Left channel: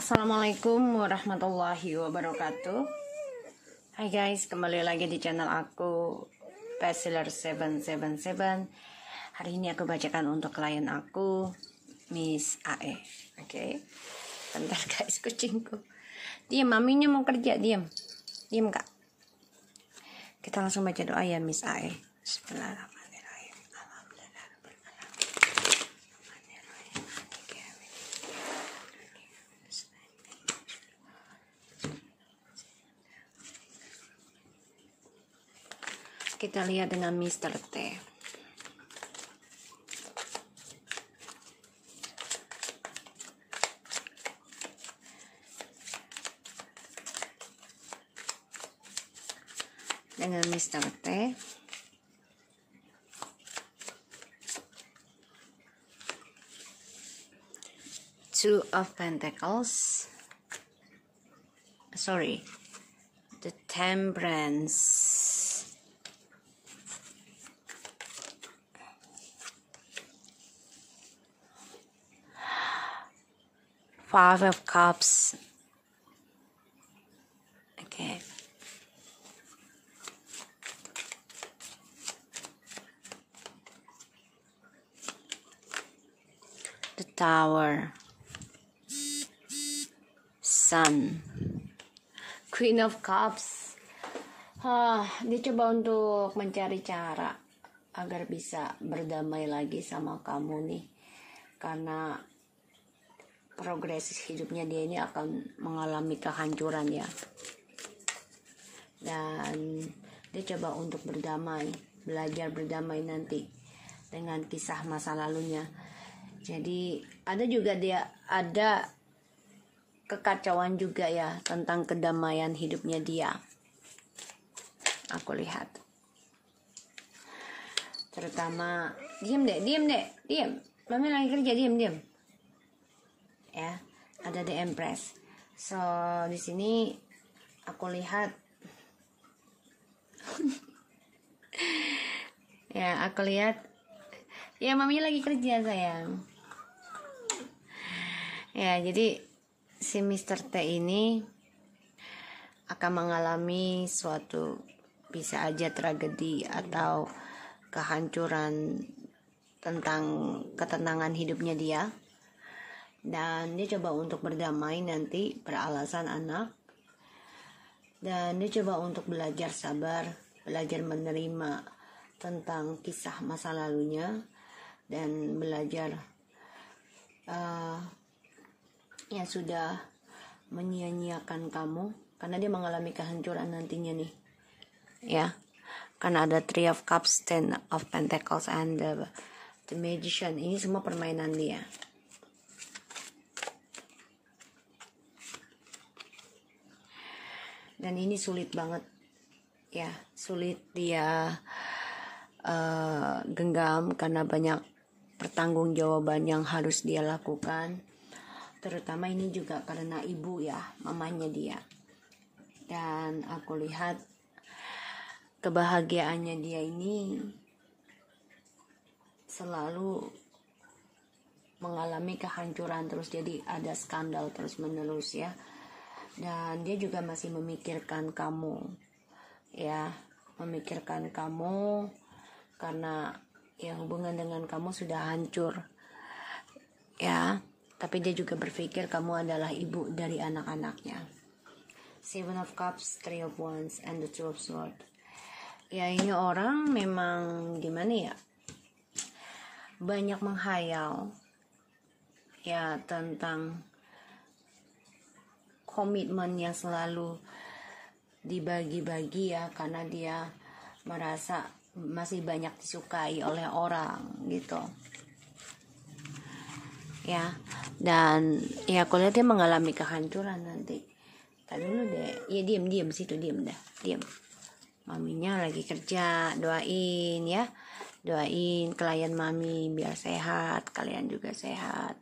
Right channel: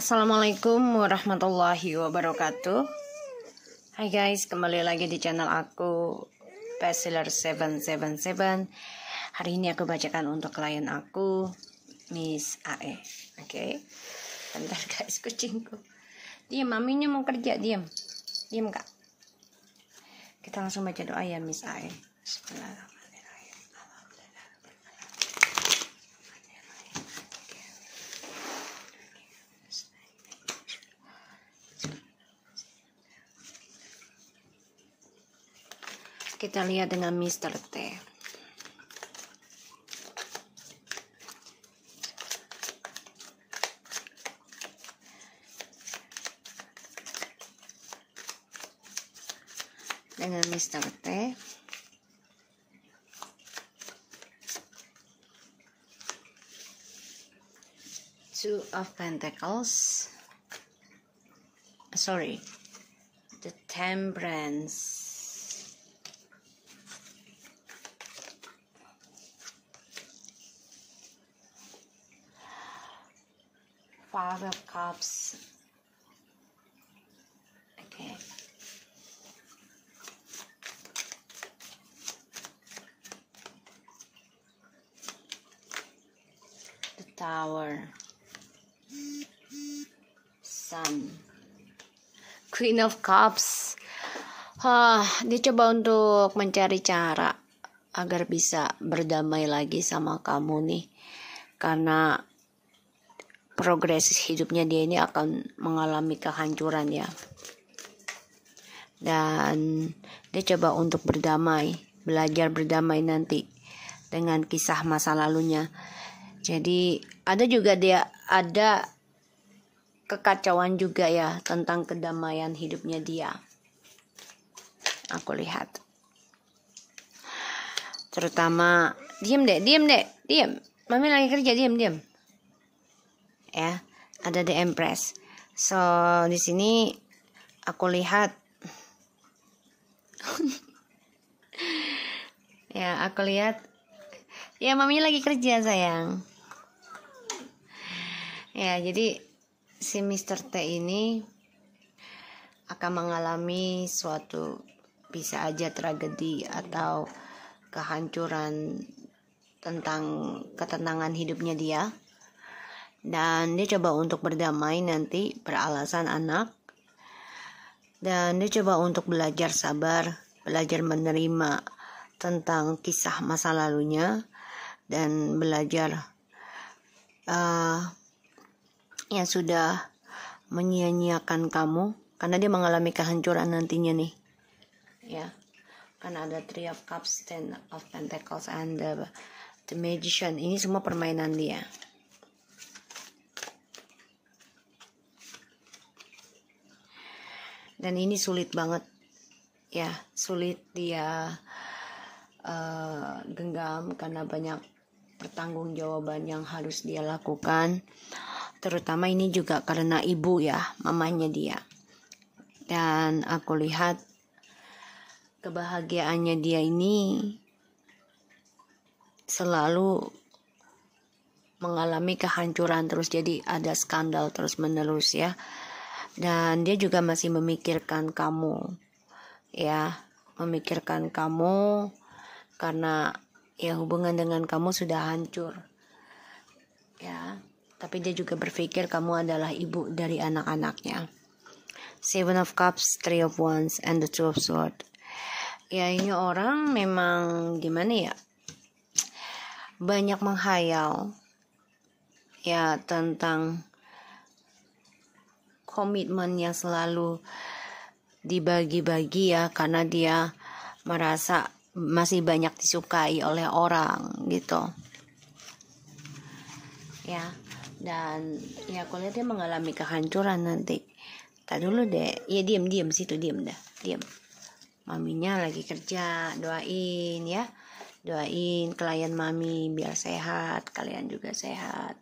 Assalamualaikum warahmatullahi wabarakatuh. Hai guys, kembali lagi di channel aku Bestseller 777. Hari ini aku bacakan untuk klien aku, Miss AE. Oke. Bentar guys, kucingku. Diam, maminya mau kerja, diam. Diam kak. Kita langsung baca doa ya Miss AE. Bismillahirrahmanirrahim. Kita lihat dengan Mr. T. Dengan Mr. T. Two of Pentacles. Sorry. The Temperance. Five of Cups. Okay. The Tower. Sun. Queen of Cups. Dia coba untuk mencari cara agar bisa berdamai lagi sama kamu nih. Karena progres hidupnya dia ini akan mengalami kehancuran ya. Dan dia coba untuk berdamai, belajar berdamai nanti dengan kisah masa lalunya. Jadi ada kekacauan juga ya tentang kedamaian hidupnya dia. Aku lihat. Terutama diam. Mami lagi kerja, diam. Ya, ada The Empress. So di sini aku lihat ya mami lagi kerja sayang. Ya, jadi si Mr. T ini akan mengalami suatu bisa aja tragedi atau kehancuran tentang ketenangan hidupnya dia. Dan dia coba untuk berdamai nanti beralasan anak. Dan dia coba untuk belajar sabar, belajar menerima tentang kisah masa lalunya. Dan belajar yang sudah menyia-nyiakan kamu. Karena dia mengalami kehancuran nantinya nih. Ya, karena ada Three of Cups, Ten of Pentacles, and the Magician. Ini semua permainan dia. Dan ini sulit banget ya, sulit dia genggam karena banyak pertanggungjawaban yang harus dia lakukan. Terutama ini juga karena ibu ya, mamanya dia. Dan aku lihat kebahagiaannya dia ini selalu mengalami kehancuran terus, jadi ada skandal terus menerus ya. Dan dia juga masih memikirkan kamu ya, memikirkan kamu karena ya hubungan dengan kamu sudah hancur ya. Tapi dia juga berpikir kamu adalah ibu dari anak-anaknya. Seven of Cups, Three of Wands, and the Two of Swords. Ya, ini orang memang gimana ya, banyak menghayal ya tentang komitmen yang selalu dibagi-bagi ya, karena dia merasa masih banyak disukai oleh orang gitu ya. Dan ya aku lihat dia mengalami kehancuran nanti. Tadi dulu deh, ya diam situ, diam. Maminya lagi kerja, doain ya, doain klien mami biar sehat, kalian juga sehat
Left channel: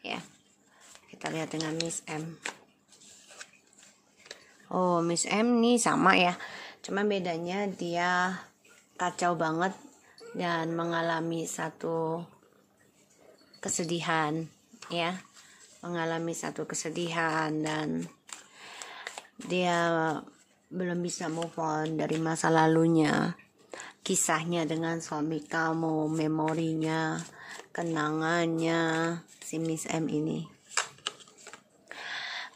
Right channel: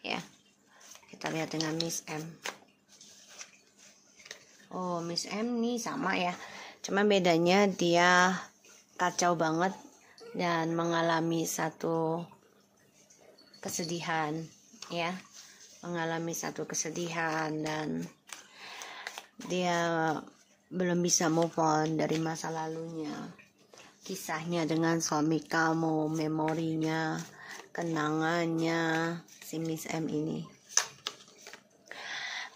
ya. Kita lihat dengan Miss M. Oh, Miss M nih sama ya. Cuma bedanya dia kacau banget dan mengalami satu kesedihan ya. mengalami satu kesedihan dan dia belum bisa move on dari masa lalunya, kisahnya dengan suami kamu, memorinya, kenangannya si Miss M ini.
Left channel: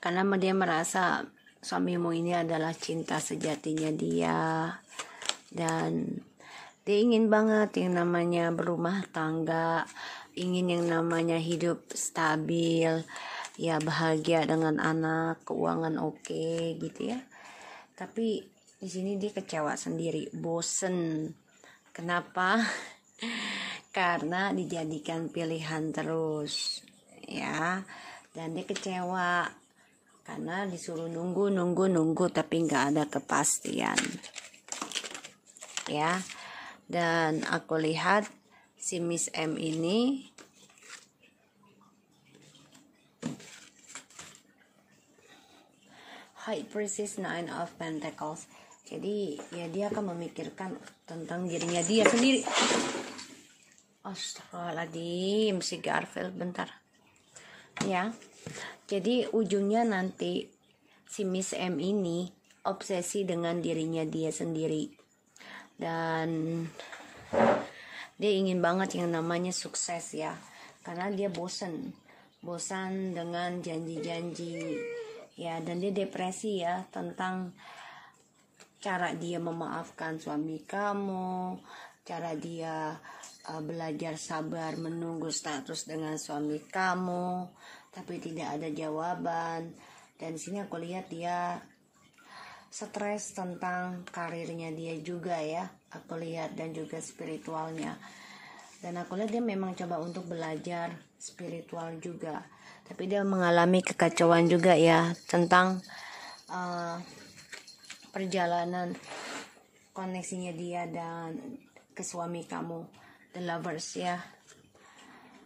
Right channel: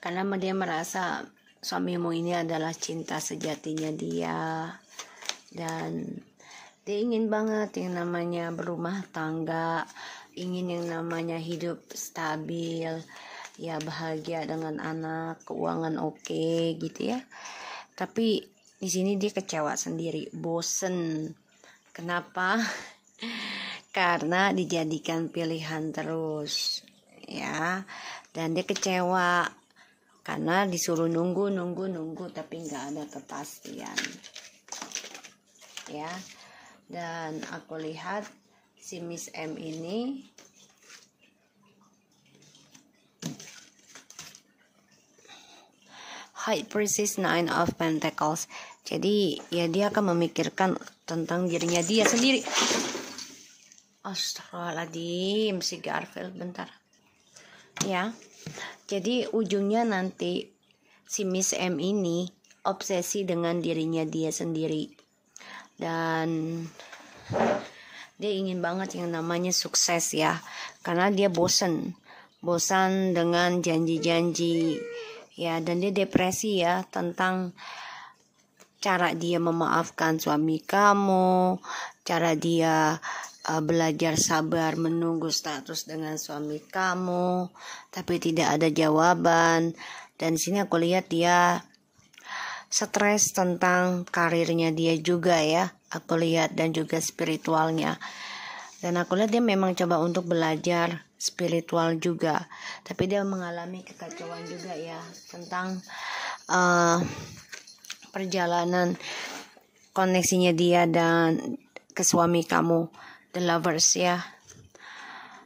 Karena dia merasa suamimu ini adalah cinta sejatinya dia, dan dia ingin banget yang namanya berumah tangga, ingin yang namanya hidup stabil, ya bahagia dengan anak, keuangan oke gitu ya. Tapi di sini dia kecewa sendiri, bosen. Kenapa? Karena dijadikan pilihan terus, ya. Dan dia kecewa karena disuruh nunggu tapi nggak ada kepastian, ya. Dan aku lihat si Miss M ini High Priestess, Nine of Pentacles. Jadi ya dia akan memikirkan tentang dirinya dia sendiri. Astagfirullahaladzim, si Garfield, bentar. Ya, jadi ujungnya nanti si Miss M ini obsesi dengan dirinya dia sendiri. Dan dia ingin banget yang namanya sukses ya. Karena dia bosan dengan janji-janji. Ya, dan dia depresi ya tentang cara dia memaafkan suami kamu, cara dia belajar sabar menunggu status dengan suami kamu, tapi tidak ada jawaban. Dan di sini aku lihat dia stres tentang karirnya dia juga ya, aku lihat, dan juga spiritualnya. Dan aku lihat dia memang coba untuk belajar spiritual juga, tapi dia mengalami kekacauan juga ya tentang perjalanan koneksinya dia dan ke suami kamu, the lovers ya.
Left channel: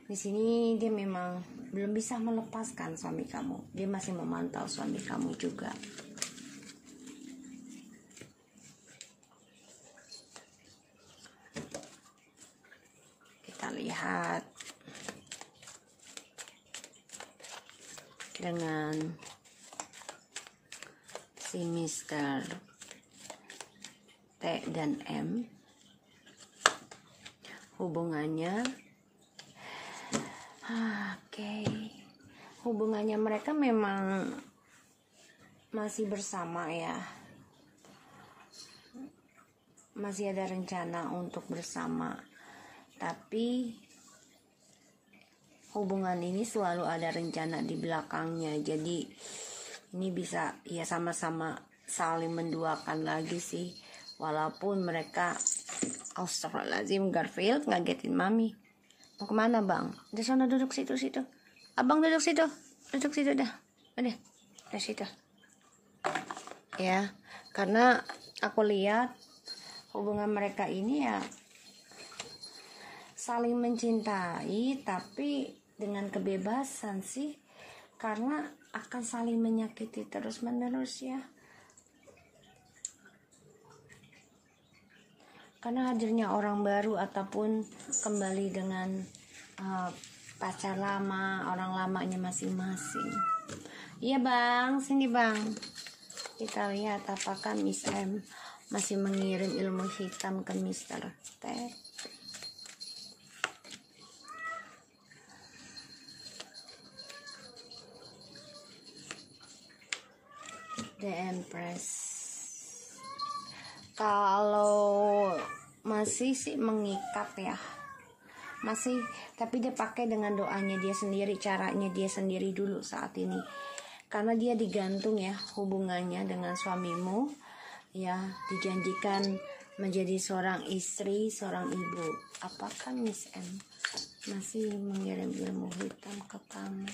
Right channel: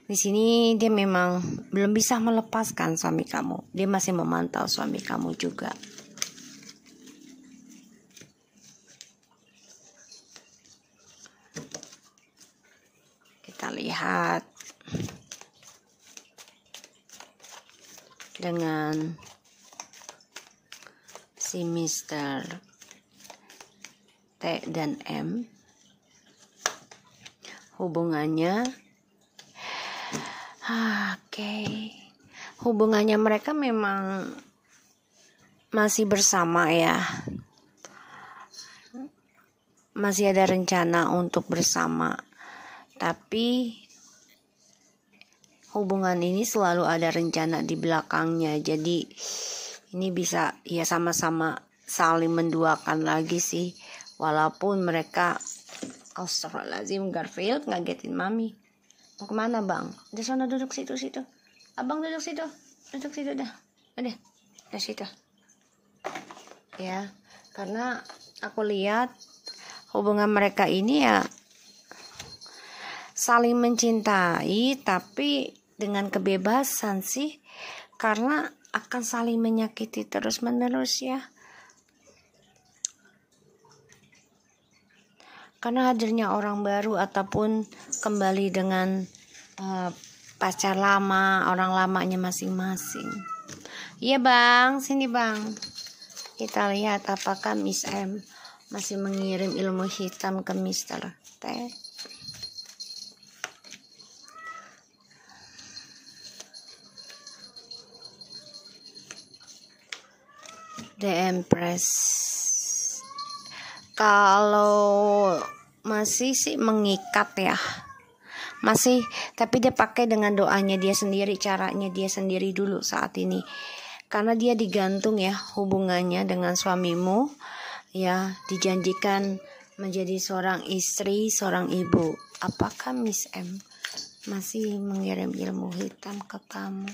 Di sini dia memang belum bisa melepaskan suami kamu, dia masih memantau suami kamu juga. Kita lihat dengan si Mr. T dan M, hubungannya hubungannya mereka memang masih bersama ya, masih ada rencana untuk bersama, tapi hubungan ini selalu ada rencana di belakangnya. Jadi ini bisa ya sama-sama saling menduakan lagi sih, walaupun mereka astagfirullahaladzim, Garfield ngagetin mami. Mau kemana bang? Di sana duduk situ. Abang duduk situ dah. Udah situ. Ya, karena aku lihat hubungan mereka ini ya saling mencintai, tapi dengan kebebasan sih, karena akan saling menyakiti terus menerus ya. Karena hadirnya orang baru ataupun kembali dengan pacar lama, orang lamanya masing-masing. Iya bang, sini bang. Kita lihat apakah Miss M masih mengirim ilmu hitam ke Mr. T. The Empress. Kalau masih sih mengikat ya, masih, tapi dia pakai dengan doanya dia sendiri, caranya dia sendiri dulu saat ini, karena dia digantung ya hubungannya dengan suamimu ya, dijanjikan menjadi seorang istri, seorang ibu. Apakah Miss M masih mengirim ilmu hitam ke kamu?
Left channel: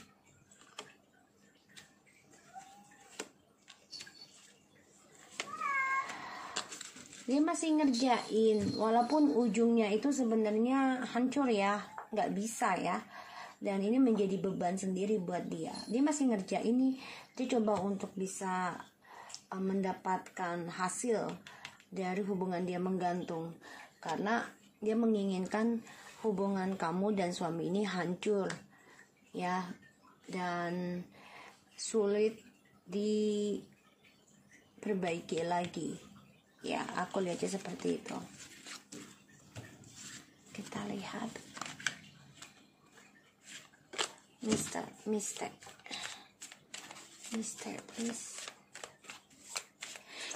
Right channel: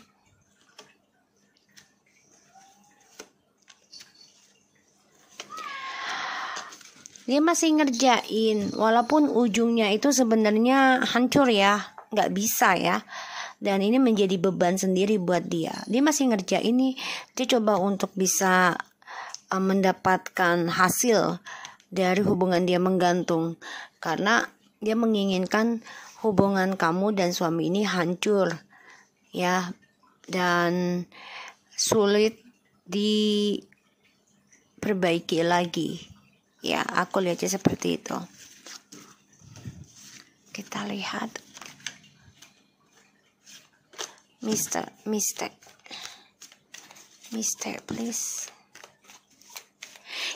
Dia masih ngerjain, walaupun ujungnya itu sebenarnya hancur ya, nggak bisa ya. Dan ini menjadi beban sendiri buat dia. Dia masih ngerjain ini, dia coba untuk bisa mendapatkan hasil dari hubungan dia menggantung. Karena dia menginginkan hubungan kamu dan suami ini hancur. Ya, dan sulit diperbaiki lagi. Ya, aku lihatnya seperti itu. Kita lihat Mister please.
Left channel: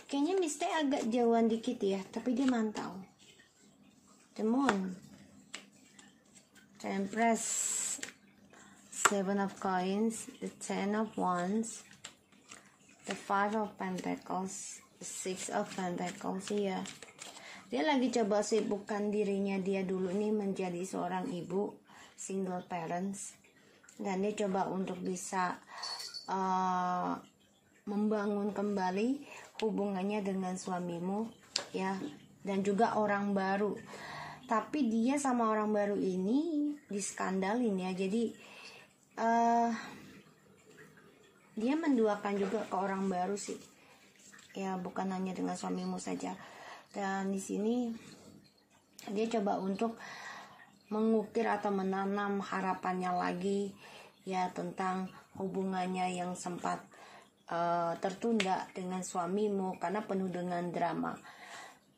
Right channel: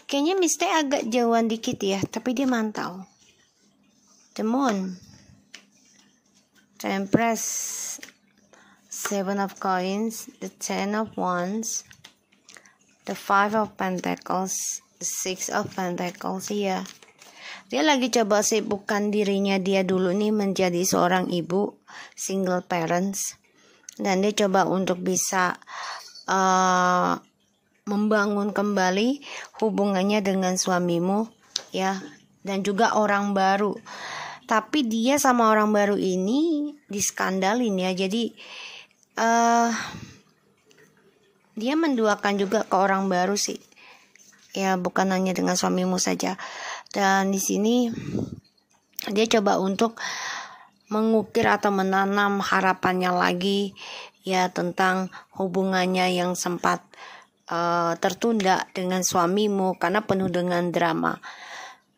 Kayaknya Mister agak jauhan dikit ya, tapi dia mantau. The Moon, Empress, Seven of Coins, the Ten of Wands, the Five of Pentacles, the Six of Pentacles. Ya, dia lagi coba sibukkan dirinya dia dulu nih menjadi seorang ibu, single parents, dan dia coba untuk bisa membangun kembali hubungannya dengan suamimu, ya, dan juga orang baru. Tapi dia sama orang baru ini diskandalin ya, jadi dia menduakan juga ke orang baru sih, ya, bukan hanya dengan suamimu saja. Dan di sini dia coba untuk mengukir atau menanam harapannya lagi, ya, tentang hubungannya yang sempat tertunda dengan suamimu karena penuh dengan drama.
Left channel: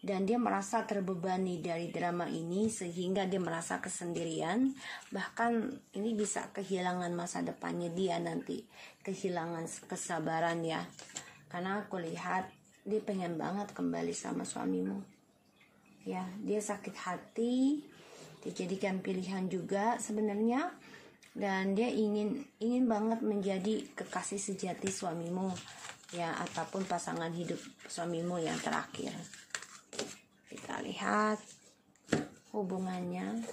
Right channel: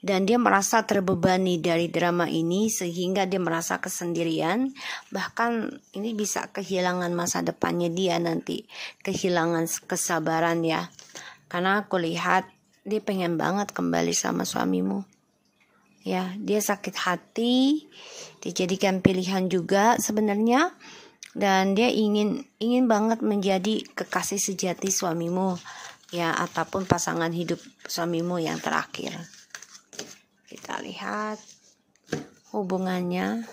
Dan dia merasa terbebani dari drama ini sehingga dia merasa kesendirian. Bahkan ini bisa kehilangan masa depannya dia nanti, kehilangan kesabaran ya. Karena aku lihat dia pengen banget kembali sama suamimu. Ya, dia sakit hati, dijadikan pilihan juga sebenarnya. Dan dia ingin banget menjadi kekasih sejati suamimu, ya, ataupun pasangan hidup suamimu yang terakhir. Kita lihat hubungannya.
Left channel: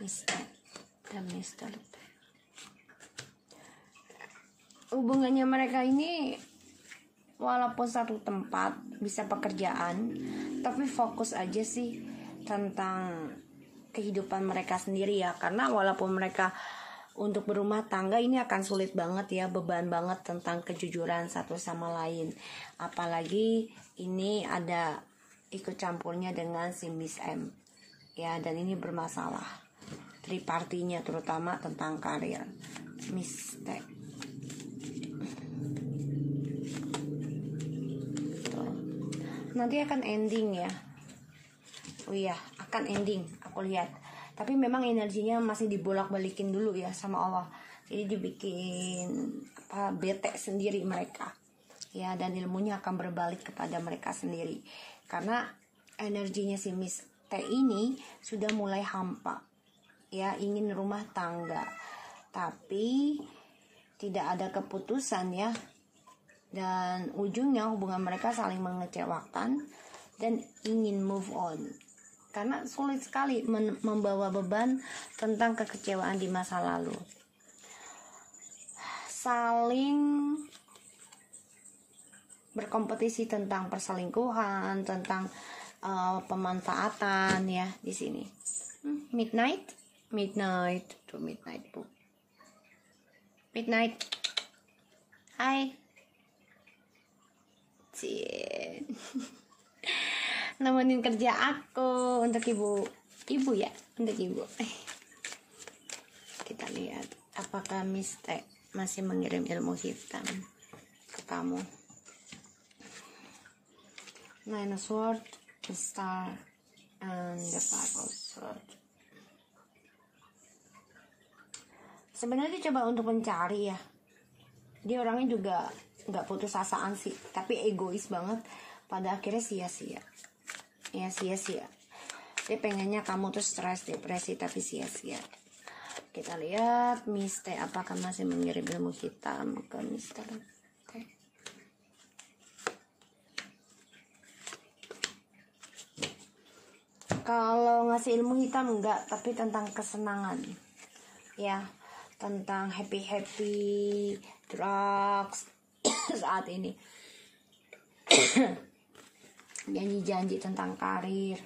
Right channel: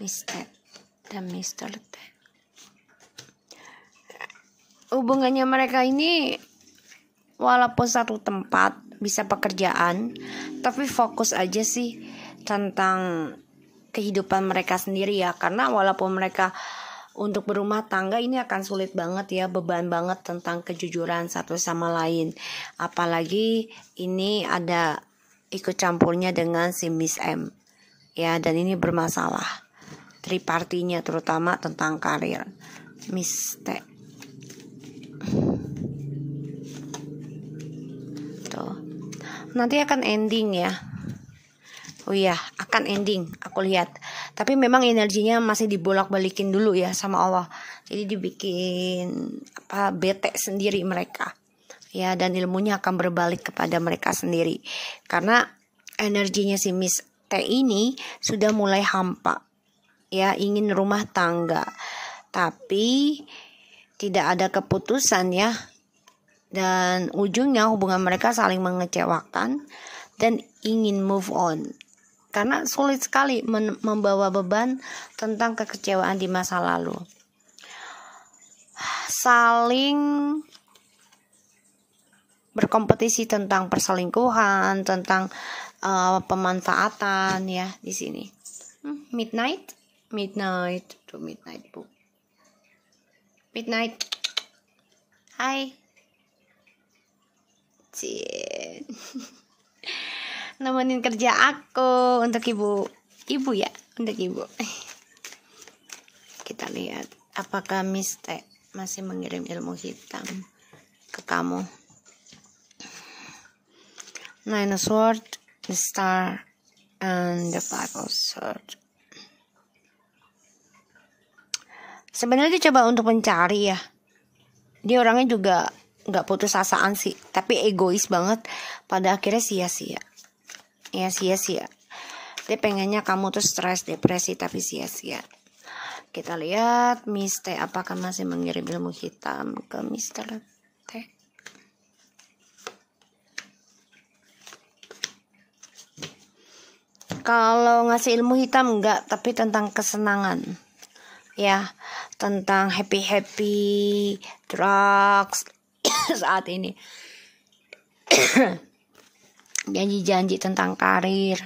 Mister. Hubungannya mereka ini walaupun satu tempat, bisa pekerjaan, tapi fokus aja sih tentang kehidupan mereka sendiri ya. Karena walaupun mereka untuk berumah tangga ini akan sulit banget ya, beban banget tentang kejujuran satu sama lain. Apalagi ini ada ikut campurnya dengan si Miss M, ya, dan ini bermasalah tripartinya, terutama tentang karir. Miss T tuh nanti akan ending ya. Oh iya, akan ending aku lihat. Tapi memang energinya masih dibolak-balikin dulu ya sama Allah. Jadi dibikin bete sendiri mereka. Ya, dan ilmunya akan berbalik kepada mereka sendiri. Karena energinya si Miss T ini sudah mulai hampa. Ya, ingin rumah tangga. Tapi tidak ada keputusan ya. Dan ujungnya hubungan mereka saling mengecewakan dan ingin move on. Karena sulit sekali membawa beban tentang kekecewaan di masa lalu. Saling berkompetisi tentang perselingkuhan, tentang pemanfaatan ya di sini. Midnight Bu. Midnight. Hai. Nemenin kerja aku untuk ibu ya, untuk ibu. Kita lihat apakah Miss T masih mengirim ilmu hitam ke kamu. Nine of Swords, the Star, and the Five of Swords. Sebenarnya dia coba untuk mencari ya. Dia orangnya juga nggak putus asaan sih, tapi egois banget. Pada akhirnya sia-sia. Ya, sia-sia. Dia pengennya kamu tuh stres, depresi, tapi sia-sia. Kita lihat Miss T apakah masih mengirim ilmu hitam ke Mr. T. Kalau ngasih ilmu hitam enggak, tapi tentang kesenangan. Ya, tentang happy drugs saat ini. Janji-janji tentang karir.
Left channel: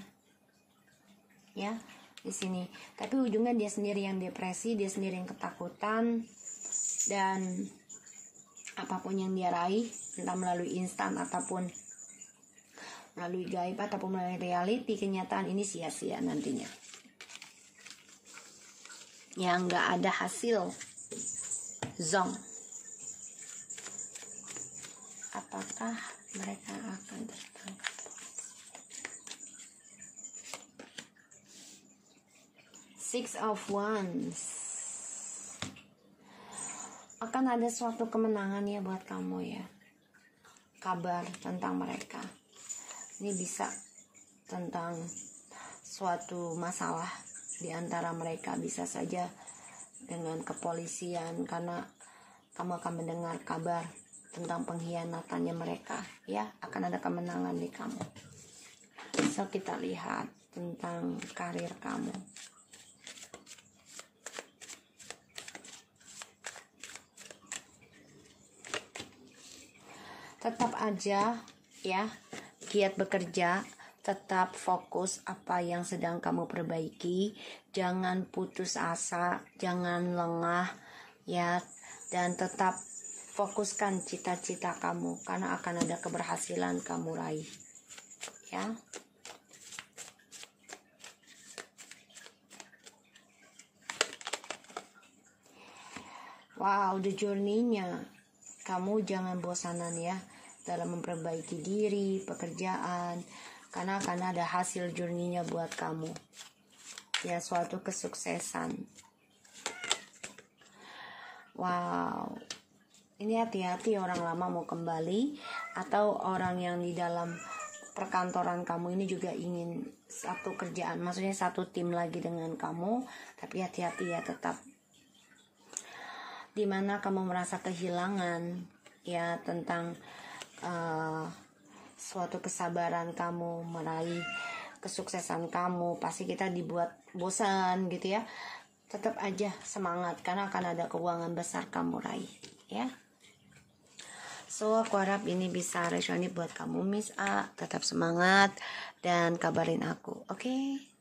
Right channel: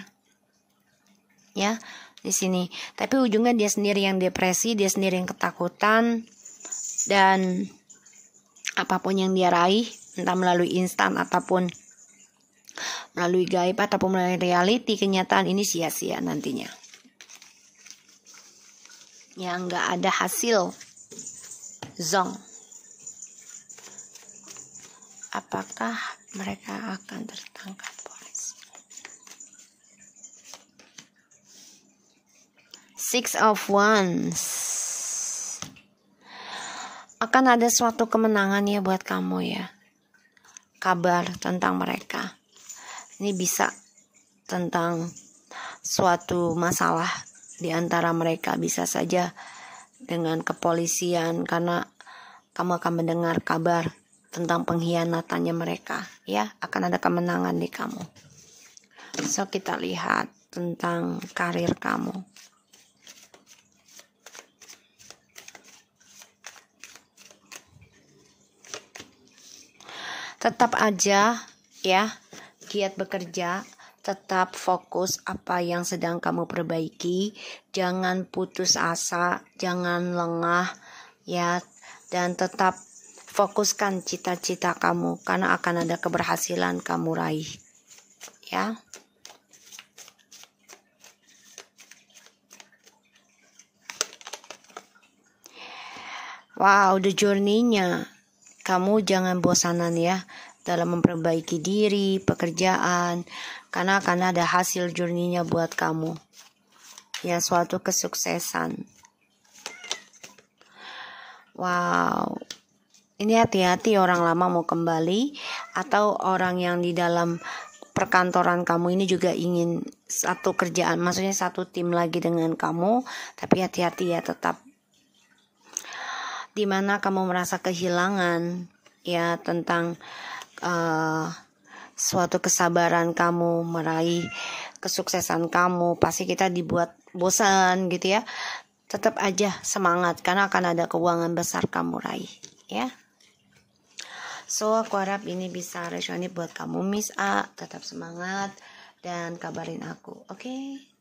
Ya, di sini. Tapi ujungnya dia sendiri yang depresi, dia sendiri yang ketakutan, dan apapun yang dia raih, entah melalui instan ataupun melalui gaib ataupun melalui reality, kenyataan ini sia-sia nantinya. ya nggak ada hasil. Zong, apakah mereka akan tertangkap polisi? Six of Wands, akan ada suatu kemenangan ya buat kamu ya. Kabar tentang mereka ini bisa tentang suatu masalah di antara mereka, bisa saja dengan kepolisian, karena kamu akan mendengar kabar tentang pengkhianatannya mereka ya. Akan ada kemenangan di kamu. So kita lihat tentang karir kamu. Tetap aja ya, giat bekerja, tetap fokus apa yang sedang kamu perbaiki, jangan putus asa, jangan lengah ya, dan tetap fokuskan cita-cita kamu karena akan ada keberhasilan kamu raih ya. Wow, the journey-nya. Kamu jangan bosanan ya dalam memperbaiki diri, pekerjaan, karena akan ada hasil journey-nya buat kamu. Ya, suatu kesuksesan. Wow. Ini hati-hati orang lama mau kembali atau orang yang di dalam perkantoran kamu ini juga ingin satu kerjaan, maksudnya satu tim lagi dengan kamu, tapi hati-hati ya tetap. Dimana kamu merasa kehilangan ya tentang suatu kesabaran kamu meraih kesuksesan kamu, pasti kita dibuat bosan gitu ya. Tetap aja semangat karena akan ada keuangan besar kamu raih ya. So aku harap ini bisa resonate buat kamu Miss A. Tetap semangat dan kabarin aku, oke?